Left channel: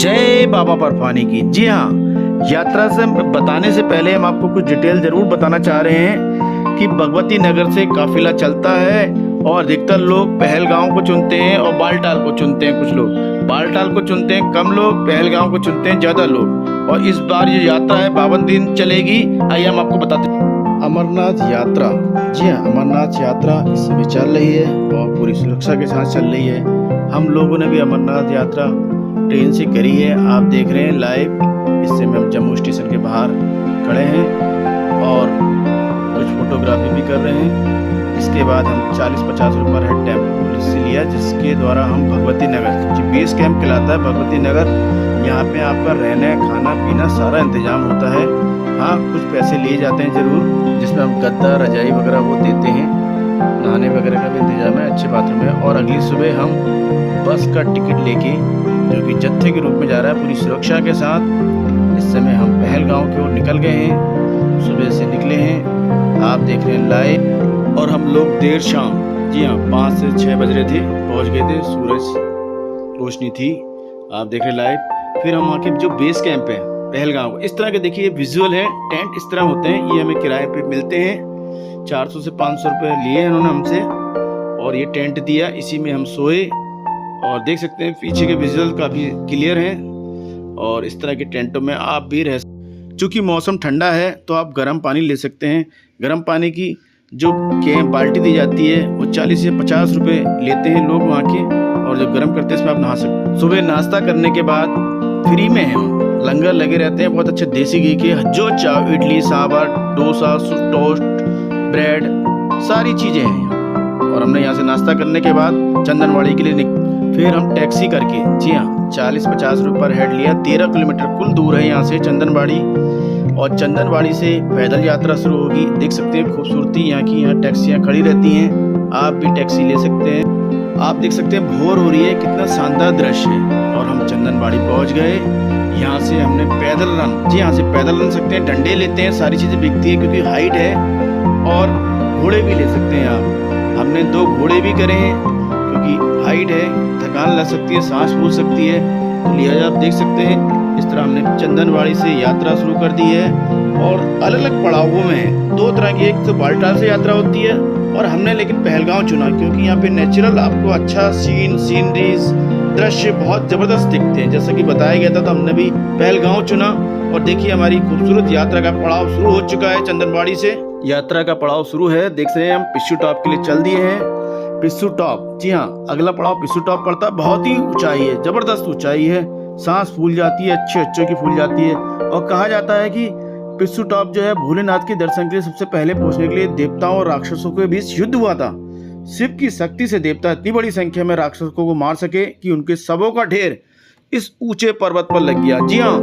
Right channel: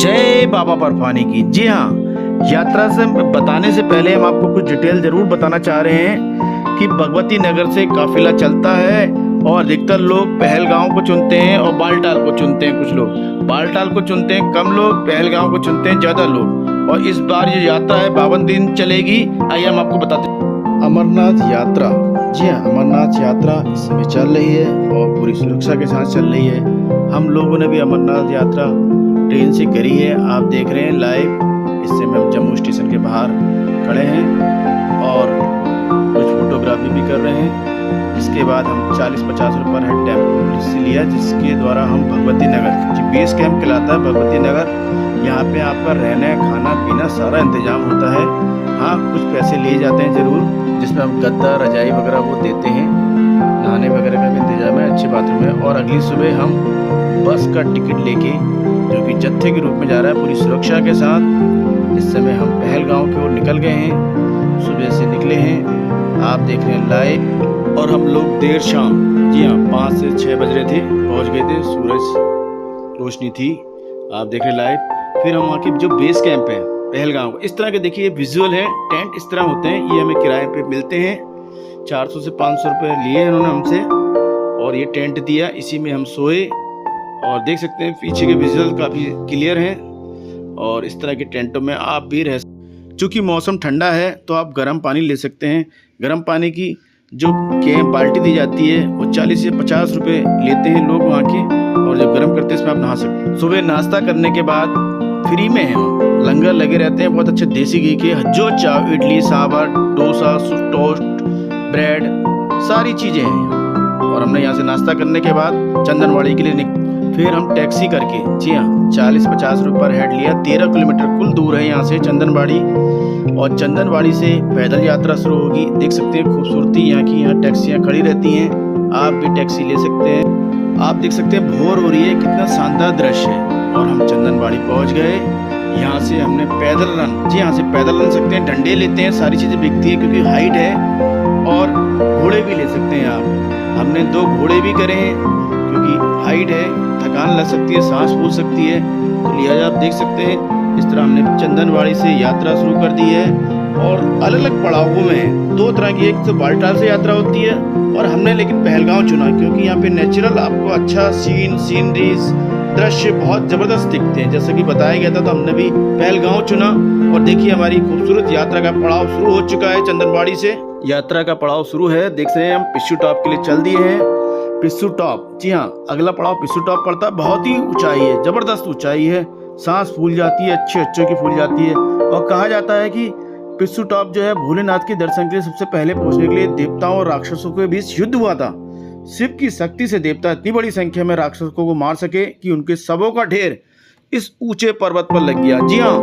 जय बाबा बर्फानी की। जी हाँ, यात्रा से बताने से पहले हम आपको कुछ डिटेल जरूर बताना चाह रहे हैं कि भगवती नगर से काफिला चलता है और अधिकतर लोग पहलगांव को चुनते हैं और बालटाल को चुनते हैं। कुछ लोग बालटाल को चुनते हैं, कम लोग पहलगांव को चुनते हैं, ज़्यादा लोग। और इस बार ये यात्रा है 52 दिन चलेगी। आइए हम आपको बताते हैं। अमरनाथ यात्रा, जी हाँ, अमरनाथ यात्रा इस समय चल रही है और पूरी सुरक्षा के साथ चल रही है। हम लोगों ने भी अमरनाथ यात्रा ट्रेन से करी है, आप देख रहे हैं लाइव। इस समय हम जम्मू स्टेशन के बाहर खड़े हैं और कुछ फोटोग्राफी भी कर रहे हैं। इसके बाद हम 40-50 रुपये पर हेड टेम्पो से लिया, जिसके द्वारा हम भगवती नगर, जो बेस कैंप कहलाता है भगवती नगर, यहाँ पे आपका रहना खाना पीना सारा इंतजाम होता है। हाँ, कुछ पैसे लिए जाते हैं ज़रूर, जिसमें हम गद्दा रजाई वगैरह वो देते हैं। नहाने वगैरह का भी इंतजाम है, अच्छे बाथरूम है। और अगली सुबह हम बस का टिकट लेके, जो कि जत्थे के रूप में जा रहा है पूरी सुरक्षा के साथ, इस समय हम पहलगांव की ओर निकल गए हैं। सुबह से निकले हैं, आप देख रहे हैं लाइव। और हम लोग देर शाम, जी हाँ, 5 से 6 बज रहे थे, पहुंच गए थे। सूरज रोशनी थी, आप देख रहे हैं लाइव। फिर हम वहाँ के जो बेस कैंप है पहलगांव, इस तरह के देखिए विजुअल है। टेंट इस तरह होते हैं, ये हमें किराए पे मिलते हैं। 400 से 500 रुपये लिए इन्होंने हमसे और ये टेंट दिया, इसी में हम सोए। और देख सकते हैं पीछे के विजुअल काफ़ी क्लियर हैं। और इस तरह के टेंटों में आप भी रह, चूँकि मौसम ठंडा है तो आप गर्म पानी ले सकते हैं। गर्म पानी की जो बाल्टी दी जाती है वो 40 से 50 रुपये लेते हैं लोग वहाँ के, और जो गर्म करते हैं इसमें आप नहा सकते हैं। सुबह नाश्ता करने के बाद फ्री में है, लंगर लगे रहते हैं बहुत अच्छे देसी घी के, जो चाव, इडली सांभर, डोसा, टोस्ट, ब्रेड, सारी चीज़ें हैं। और हमने यहाँ से नाश्ता करने के बाद चंदनवाड़ी के लिए फिर हम टैक्सी करके, जी हाँ, 40-50 रुपये पर हेड लिया। 13 किलोमीटर कुल दूर है यहाँ से चंदनवाड़ी। और चंदनवाड़ी से पैदल यात्रा शुरू होगी। देख सकते हैं खूबसूरती यहाँ की, यहाँ टैक्सियाँ खड़ी रहती हैं, आप भी टैक्सी ले सकते हैं। आप देख सकते हैं भोर हो रही है, कितना शानदार दृश्य है। और हम चंदनवाड़ी पहुँच गए। यहाँ से हमने पैदल रन, जी यहाँ से पैदल रन सकते हैं, डंडे लेते हैं, सारी चीज़ें बिकती हैं क्योंकि हाइट है। और घोड़े भी ले सकते हैं आप। हमने 2 घोड़े भी करे हैं क्योंकि हाइट है, थकान लग सकती है, सांस फूल सकती है, तो लिहाजा आप देख सकते हैं। इस तरह हमने चंदनवाड़ी से यात्रा शुरू कर दी है। और अलग अलग पड़ावों में 2 तरह की, एक तो बालटाल से यात्रा होती है और हमने लेकिन पहलगांव चुना क्योंकि यहाँ पे नेचुरल आपको अच्छा सीनरीज, दृश्य बहुत ज़बरदस्त दिखते हैं। जैसा कि बताया गया था, तो हमने भी पहलगांव चुना। और देखिए हमारी खूबसूरत यात्रा का पड़ाव शुरू हो चुका है। चंदनवाड़ी से यात्रा का पड़ाव शुरू है, देख रहे हैं हम पिस्सू टॉप के लिए चल दिए हैं। पिस्सू टॉप, जी हाँ, अगला पड़ाव पिस्सू टॉप पड़ता है। बहुत ही ऊंचाई है, जबरदस्त ऊंचाई है, सांस फूल जाती है, अच्छे की फूल जाती है। और कहा जाता है कि पिस्सू टॉप जो है भोलेनाथ के दर्शन के लिए सबसे पहले पहुंचने के लिए देवताओं और राक्षसों के बीच युद्ध हुआ था। शिव की शक्ति से देवता इतनी बड़ी संख्या में राक्षसों को मार सके कि उनके शवों का ढेर इस ऊंचे पर्वत पर लग गया। जी हाँ,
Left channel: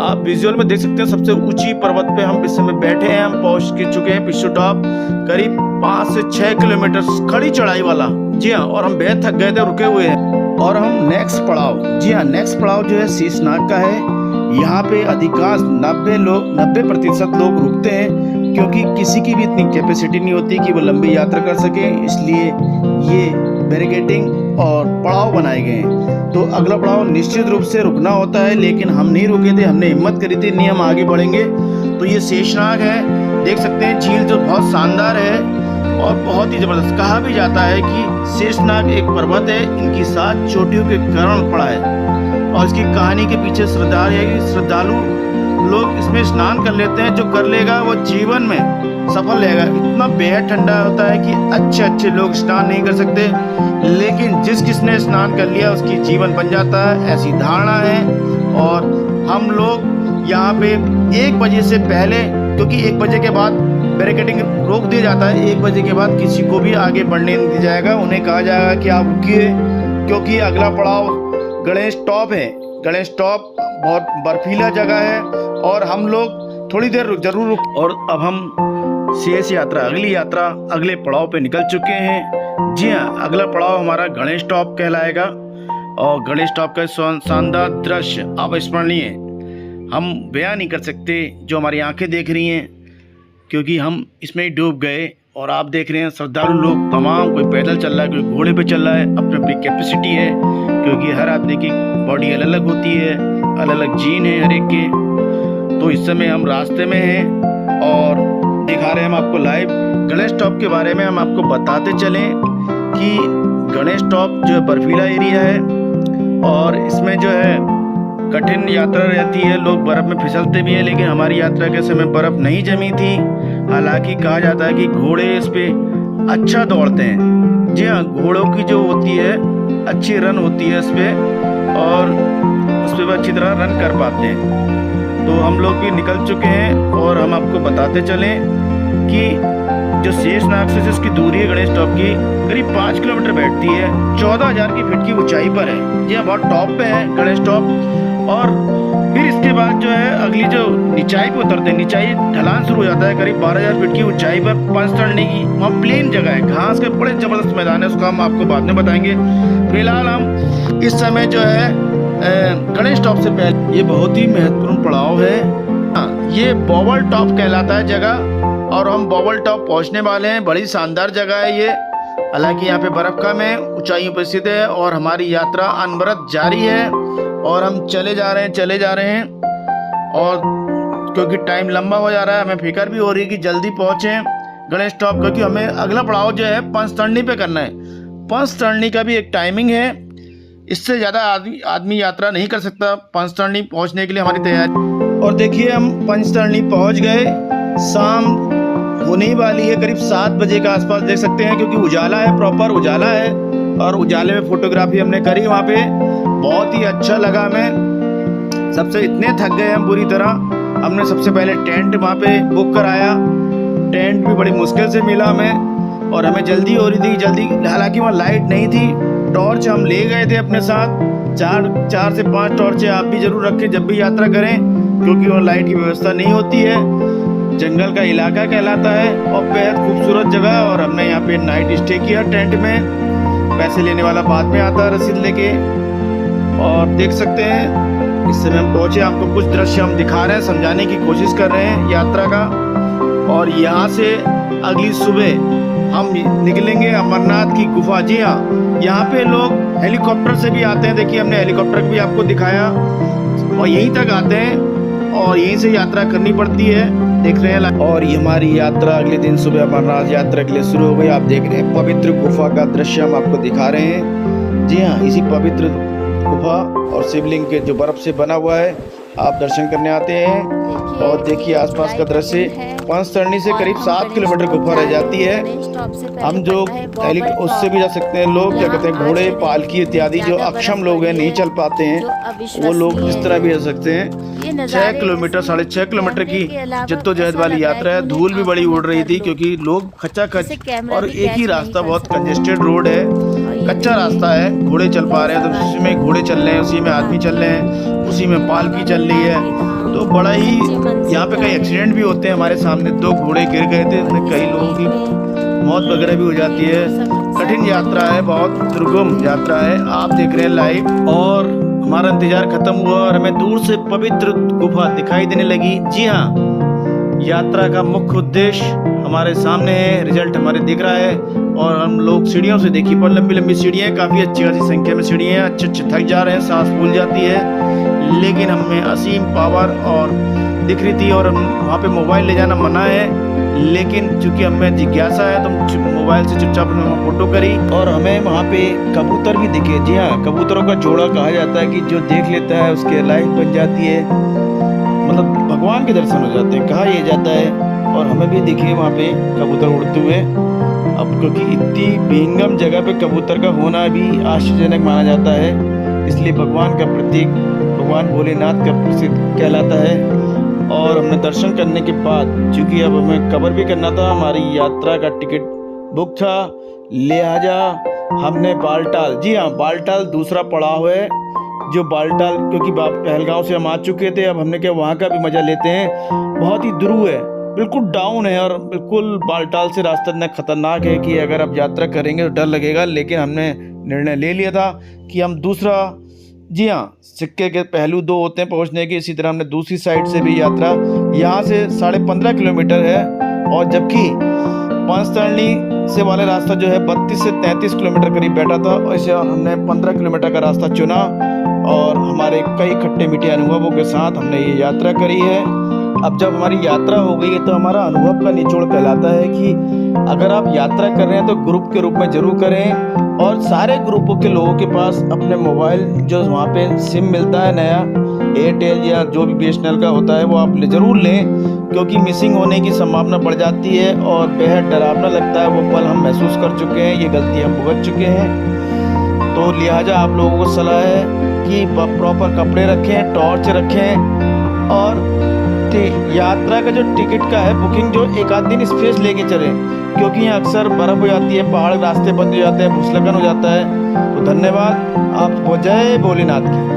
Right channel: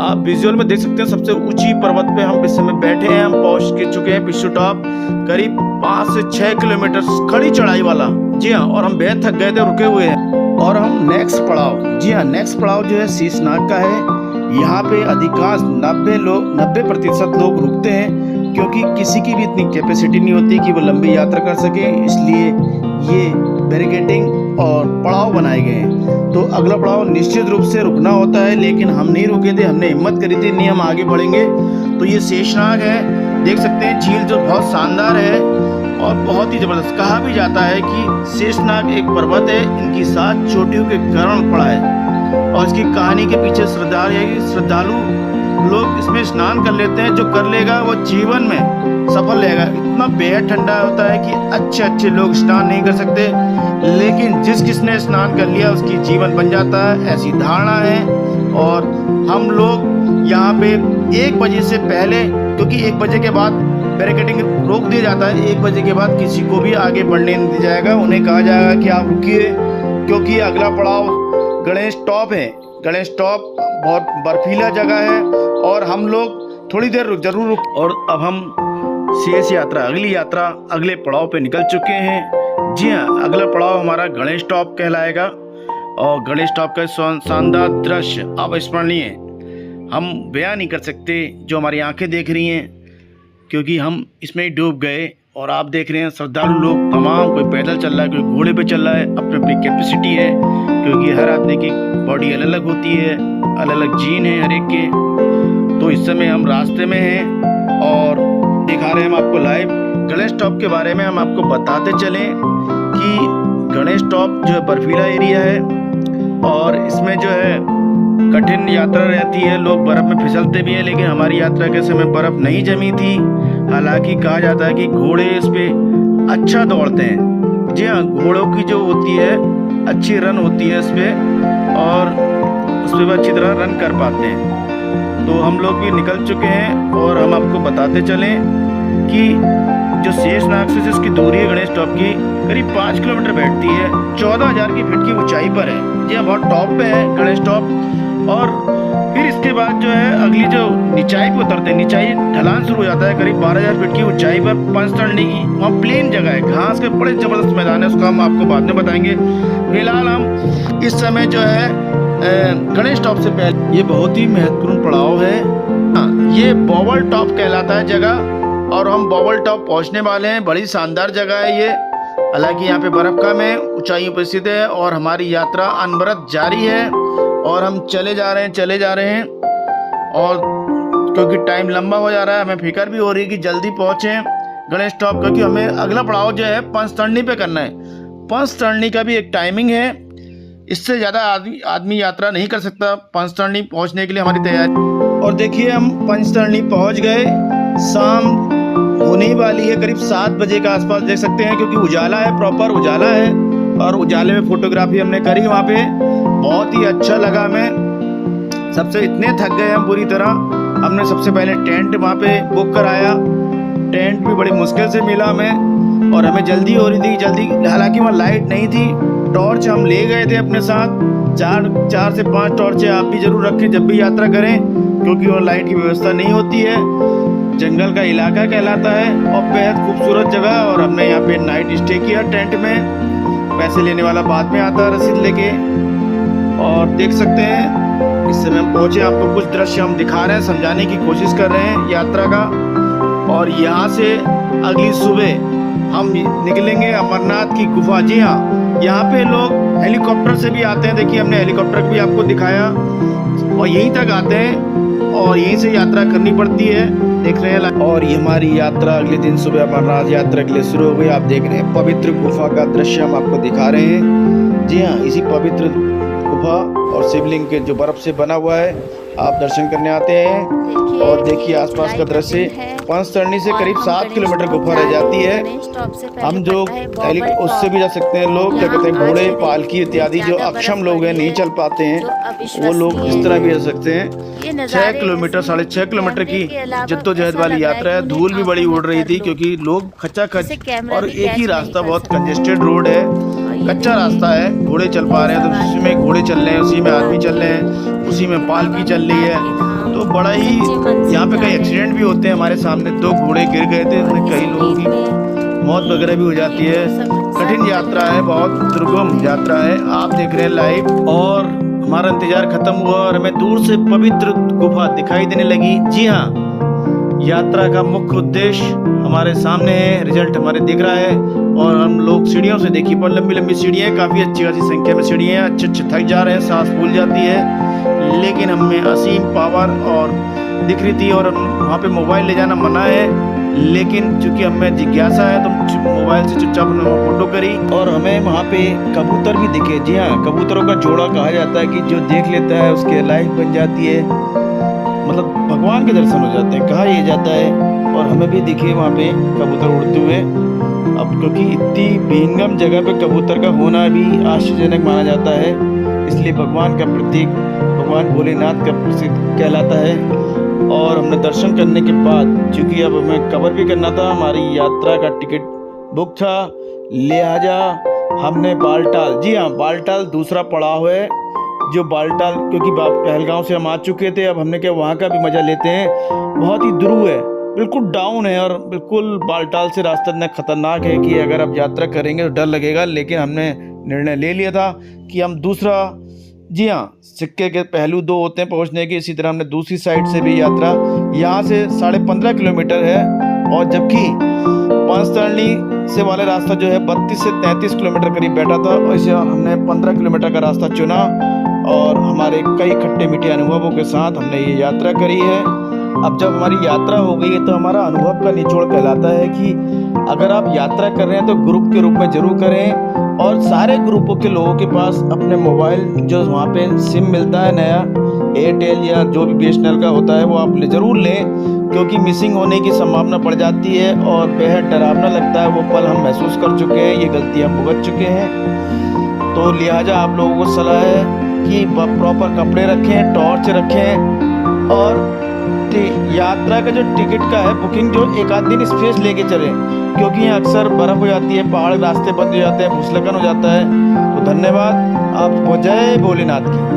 आप विजुअल में देख सकते हैं, सबसे ऊंची पर्वत पे हम इस समय बैठे हैं। हम पहुंच के चुके हैं पिस्सू टॉप, करीब 5 से 6 किलोमीटर खड़ी चढ़ाई वाला। जी हाँ, और हम बेहद थक गए थे, रुके हुए हैं। और हम नेक्स्ट पड़ाव, जी हाँ, नेक्स्ट पड़ाव जो है शेषनाग का है। यहाँ पे अधिकांश 90% लोग रुकते हैं क्योंकि किसी की भी इतनी कैपेसिटी नहीं होती कि वो लंबी यात्रा कर सके, इसलिए ये बैरिकेडिंग और पड़ाव बनाए गए हैं। तो अगला पड़ाव निश्चित रूप से रुकना होता है, लेकिन हम नहीं रुके थे, हमने हिम्मत करी थी, नहीं हम आगे बढ़ेंगे। तो ये शेषनाग है, देख सकते हैं झील जो बहुत शानदार है और बहुत ही जबरदस्त। कहा भी जाता है कि शेषनाग एक पर्वत है, इनकी 7 चोटियों के कारण पड़ा है। और इसकी कहानी के पीछे श्रद्धालु लोग इसमें स्नान कर लेते हैं। जो कर लेगा वो जीवन में सफल रहेगा। इतना बेहद ठंडा होता है कि अच्छे लोग स्नान नहीं कर सकते, लेकिन जिसने स्नान कर लिया उसकी जीवन बन जाता है, ऐसी धारणा है। और हम लोग यहाँ पे 1 बजे से पहले, क्योंकि 1 बजे के बाद बैरिकेडिंग रोक दिया जाता है, 1 बजे के बाद किसी को भी आगे बढ़ने नहीं दिया जाएगा। उन्हें कहा जाएगा कि आप रुकिए, क्योंकि अगला पड़ाव गणेश टॉप है। गणेश टॉप बहुत बर्फीला जगह है और हम लोग थोड़ी देर जरूर रुक। और अब हम शेष यात्रा, अगली यात्रा अगले पड़ाव पे निकल चुके हैं। जी हाँ, अगला पड़ाव हमारा गणेश टॉप कहलाएगा। और गणेश टॉप का शानदार दृश्य अविस्मरणीय, हम बयान नहीं कर सकते जो हमारी आंखें देख रही हैं, क्योंकि हम इसमें डूब गए। और आप देख रहे हैं श्रद्धालु लोग तमाम, कोई पैदल चल रहा है, कोई घोड़े पे चल रहा है। अपनी अपनी कैपेसिटी है, क्योंकि हर आदमी की बॉडी अलग अलग होती है, अलग अलग जीन है हर एक के। तो इस समय हम रास्ते में हैं और दिखा रहे हैं हम आपको लाइव गणेश टॉप के बारे में। हम आपको बताते चलें कि गणेश टॉप जो है बर्फीला एरिया है और इसमें जो है कठिन यात्रा रहती है, लोग बर्फ़ में फिसलते भी हैं, लेकिन हमारी यात्रा के समय बर्फ़ नहीं जमी थी। हालांकि कहा जाता है कि घोड़े इस पे अच्छा दौड़ते हैं। जी हाँ, घोड़ों की जो होती है अच्छी रन होती है इस पर और उस पर अच्छी तरह रन कर पाते हैं। तो हम लोग भी निकल चुके हैं और हम आपको बताते चलें कि जो शेषनाग से इसकी दूरी है गणेश टॉप की करीब 5 किलोमीटर बैठती है। 14,000 की फीट की ऊंचाई पर है। जी हाँ, बहुत टॉप पे है गणेश टॉप। और फिर इसके बाद जो है अगली जो निचाई पे उतरते हैं, निचाई ढलान शुरू हो जाता है करीब 12,000 फीट की ऊंचाई पर पंच चढ़ने की। वहाँ प्लेन जगह है, घास के बड़े जबरदस्त मैदान है, उसका हम आपको बाद में बताएंगे। फिलहाल हम इस समय जो है गणेश टॉप से पहले ये बहुत ही महत्वपूर्ण पड़ाव है। हाँ, ये बॉबल टॉप कहलाता है जगह और हम बॉबल टॉप पहुंचने वाले हैं। बड़ी शानदार जगह है ये। हालांकि यहाँ पे बर्फ कम है, ऊंचाइयों पर स्थित है और हमारी यात्रा अनवरत जारी है और हम चले जा रहे हैं और क्योंकि टाइम लंबा हो जा रहा है, हमें फिक्र भी हो रही है कि जल्दी पहुँचें गणेश टॉप, क्योंकि हमें अगला पड़ाव जो है पंचतरणी पे करना है। पंचतरणी का भी एक टाइमिंग है, इससे ज़्यादा आदमी यात्रा नहीं कर सकता पंचतरणी पहुँचने के लिए हमारी तैयारी। और देखिए हम पंचतरणी पहुँच गए। शाम होने ही वाली है, करीब 7 बजे के आसपास देख सकते हैं, क्योंकि उजाला है, प्रॉपर उजाला है और उजाले में फ़ोटोग्राफी हमने करी वहाँ पे। बहुत ही अच्छा लगा हमें। सबसे इतने थक गए हम बुरी तरह। हमने सबसे पहले टेंट वहाँ पे बुक कराया। टेंट भी बड़ी मुश्किल से मिला हमें और हमें जल्दी हो रही थी, जल्दी। हालांकि वहाँ लाइट नहीं थी। टॉर्च हम ले गए थे अपने साथ, 4 से 5 टॉर्चें आप भी ज़रूर रखें जब भी यात्रा करें, क्योंकि वहाँ लाइट की व्यवस्था नहीं होती है। जंगल का इलाका कहलाता है और बेहद खूबसूरत जगह। और हमने यहाँ पे नाइट स्टे किया टेंट में। पैसे लेने वाला बाद में आता है रसीद लेके। और देख सकते हैं इस समय हम पहुँचे, आपको कुछ दृश्य हम दिखा रहे हैं, समझाने की कोशिश कर रहे हैं यात्रा का। और यहाँ से अगली सुबह हम निकलेंगे अमरनाथ की गुफा। जी हाँ, यहाँ पे लोग हेलीकॉप्टर से भी आते हैं। देखिए हमने हेलीकॉप्टर भी आपको दिखाया और यहीं तक आते हैं और यहीं से यात्रा करनी पड़ती है, देख रहे हैं। और ये हमारी यात्रा अगले दिन सुबह अमरनाथ यात्रा के लिए शुरू हो गई। आप देख रहे हैं पवित्र गुफा का दृश्य हम आपको दिखा रहे हैं। जी हाँ, इसी पवित्र गुफा और शिवलिंग के जो बर्फ से बना हुआ है, आप दर्शन करने आते हैं। और देखिए आसपास का दृश्य। पंचतरणी से करीब 7 किलोमीटर गुफा रह जाती है। हम जो उससे भी जा सकते हैं। लोग क्या कहते हैं, घोड़े, पालकी इत्यादि जो अक्षम लोग हैं, नहीं चल पाते हैं, वो लोग इस तरह भी जा सकते हैं। 6 किलोमीटर 6.5 किलोमीटर की जद्दोजहद वाली यात्रा है। धूल भी बड़ी उड़ रही थी क्योंकि लोग खचाखच, और एक ही रास्ता, बहुत कंजेस्टेड रोड है, कच्चा रास्ता है। घोड़े चल पा रहे हैं तो उसी में घोड़े चल रहे हैं, उसी में आदमी चल रहे हैं, उसी में पालकी चल रही है। तो बड़ा ही यहाँ पे कई एक्सीडेंट भी होते हैं। हमारे सामने 2 घोड़े गिर गए थे, उसमें कई लोगों की मौत वगैरह भी हो जाती है। कठिन यात्रा है, बहुत दुर्गम यात्रा है। आप देख रहे हैं लाइव। और हमारा इंतजार खत्म हुआ और हमें दूर से पवित्र गुफा दिखाई देने लगी। जी हाँ, यात्रा का मुख्य उद्देश्य हमारे सामने है, रिजल्ट हमारे दिख रहा है। और हम लोग सीढ़ियों से, देखिए पर लंबी लंबी सीढ़ियाँ, काफ़ी अच्छी खासी संख्या में सीढ़ियाँ हैं। अच्छे थक जा रहे हैं, सांस फूल जाती है, लेकिन हमें असीम पावर और दिख रही थी। और वहाँ पे मोबाइल ले जाना मना है, लेकिन चूंकि हमें जिज्ञासा है तो मोबाइल से चुपचाप फोटो करी। और हमें वहाँ पे कबूतर भी दिखे। जी हाँ, कबूतरों का जोड़ा कहा जाता है कि जो देख लेता है उसके लाइफ बन जाती है, मतलब भगवान के दर्शन हो जाते हैं, कहा यह जाता है। और हमें भी दिखे वहाँ पे कबूतर उड़ते हुए। अब क्योंकि इतनी विहंगम जगह पे कबूतर का होना भी आश्चर्यजनक माना जाता है, इसलिए भगवान का प्रतीक, भगवान भोलेनाथ का प्रसिद्ध कहलाता है। और हमने दर्शन करने के बाद, चूँकि अब हमें कवर भी करना था, हमारी यात्रा का टिकट बुक था, लिहाजा हमने बालटाल, जी हाँ बालटाल दूसरा पड़ाव है, जो बालटाल, क्योंकि पहलगांव से हम आ चुके थे, अब हमने क्या वहाँ का भी मज़ा लेते हैं। बहुत ही ध्रुव है, बिल्कुल डाउन है और बिल्कुल बालटाल से रास्ता इतना खतरनाक है कि अगर आप यात्रा करेंगे तो डर लगेगा। लेकिन हमने निर्णय ले लिया था कि हम दूसरा, जी हाँ, सिक्के के पहलू 2 होते हैं पहुंचने के, इसी तरह हमने दूसरी साइड से भी यात्रा, यहाँ से 15.5 किलोमीटर है। और जबकि पांचतरणी से वाले रास्ता जो है 32 से 33 किलोमीटर करीब बैठा था, और इसे हमने 15 किलोमीटर का रास्ता चुना और हमारे कई खट्टे मीठे अनुभवों के साथ हमने ये यात्रा करी है। अब जब हमारी यात्रा हो गई है तो हमारा अनुभव का निचोड़ कहलाता है कि अगर आप यात्रा कर रहे हैं तो ग्रुप के रूप में ज़रूर करें, और सारे ग्रुपों के लोगों के पास अपने मोबाइल जो वहाँ पे सिम मिलता है नया, एयरटेल या जो भी BSNL का होता है वो आप ज़रूर लें, क्योंकि मिसिंग होने की संभावना बढ़ जाती है और बेहद डरावना लगता है। वो पल हम महसूस कर चुके हैं, ये गलती हम भुगत चुके हैं। तो लिहाजा आप लोगों को सलाह है कि प्रॉपर कपड़े रखें, टॉर्च रखें, और यात्रा का जो टिकट का है बुकिंग जो एक आध दिन स्पेस लेके चलें, क्योंकि यहाँ अक्सर बर्फ़ हो जाती है, पहाड़ रास्ते बंद हो जाते हैं, भूस्खलन हो जाता है। तो धन्यवाद, आप जय भोलेनाथ की।